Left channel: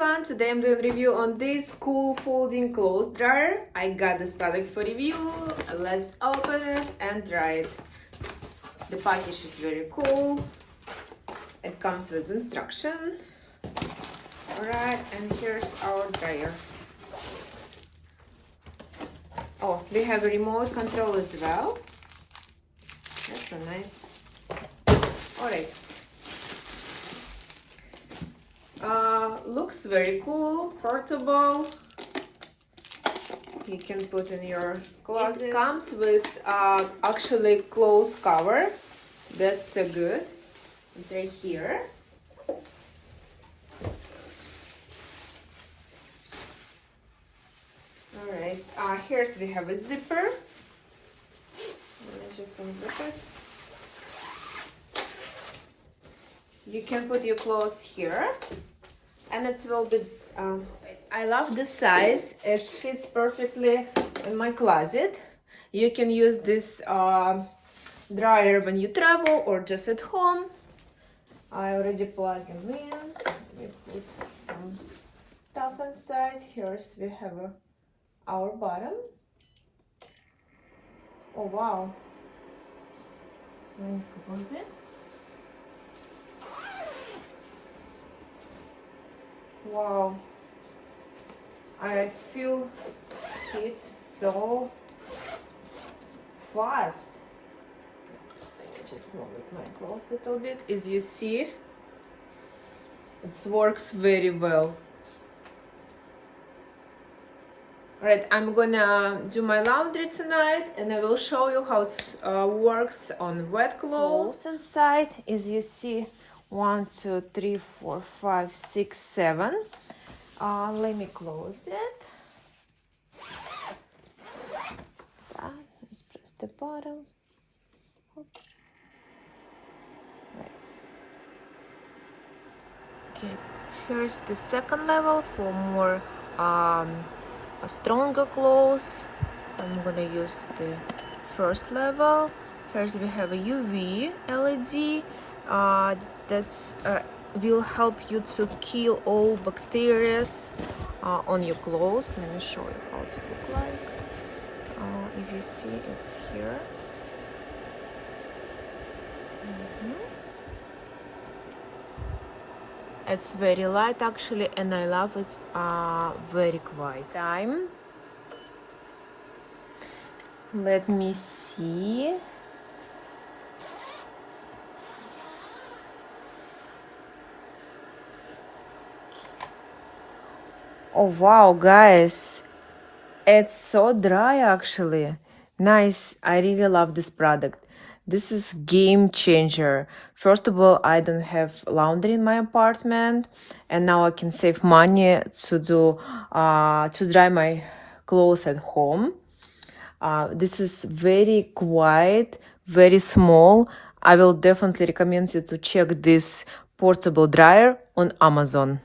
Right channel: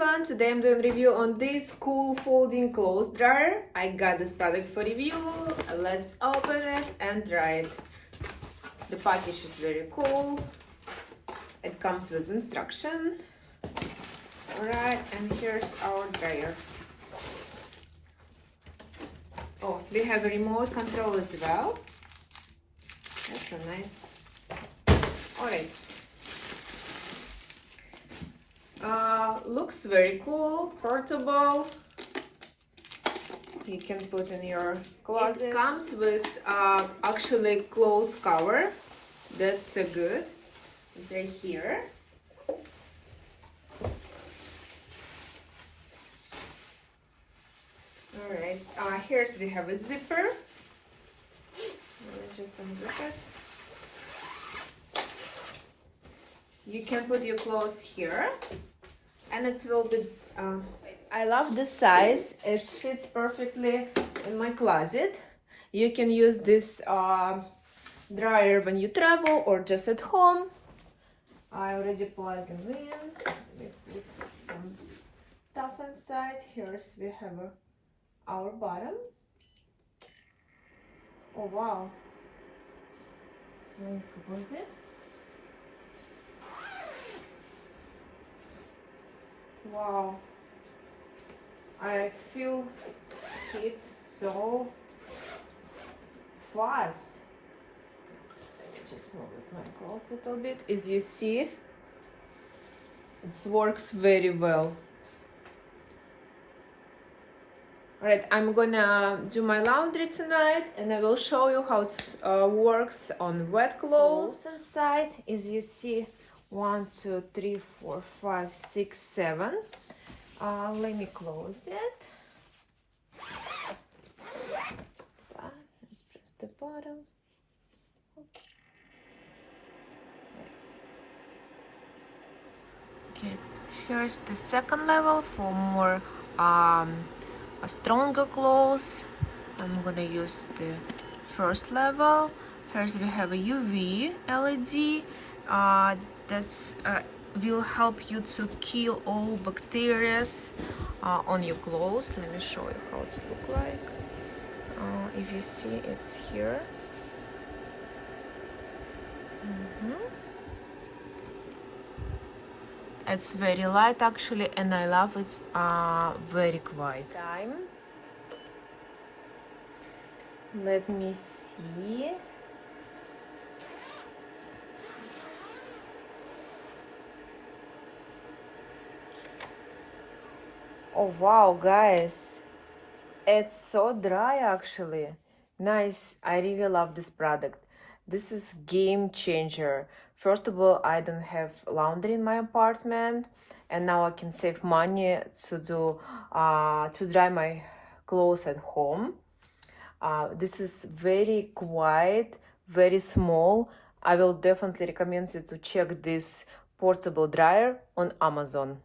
everyone, today I'm doing a review on this cool folding clothes dryer. I got this product for review. Let's open it and try it. The package is very cool. It comes with instruction. Alright, and here's our dryer. Oh, we have a remote control as well. That's so nice. Alright. Looks very cool, portable. You can put in your closet. It comes with actually clothes cover. That's so good. It's right here. Alright, here's we have a zipper. Let me just unzip it. You can put your clothes here, and it will be. I love the size. It fits perfectly in my closet. You can use this dryer when you travel or just at home. I already plug them in. We put some stuff inside. Here's we have our bottom. Oh wow! What was it? Wow, I feel it so fast. Let me just move my clothes a little bit. As you see, it works very well. Alright, I'm gonna do my laundry tonight and I will show you how it works on wet clothes. Inside, as you see, 1, 2, 3, 4, 5, 6, 7. Let me close it. Let's press the bottom. Okay. Here's the second level for more stronger clothes. I'm gonna use the first level. Here's we have a UV LED. That's will help you to kill all bacteria on your clothes. Let me show you how it looks like. If you see, it's here. It's very light actually, and I love it's very quiet. Time. Let me see. Oh wow, guys, it's so dry actually. Nice. I really love this product. This is game changer. First of all, I don't have laundry in my apartment, and now I can save money to dry my clothes at home. This is very quiet, very small. I will definitely recommend you to check this portable dryer on Amazon.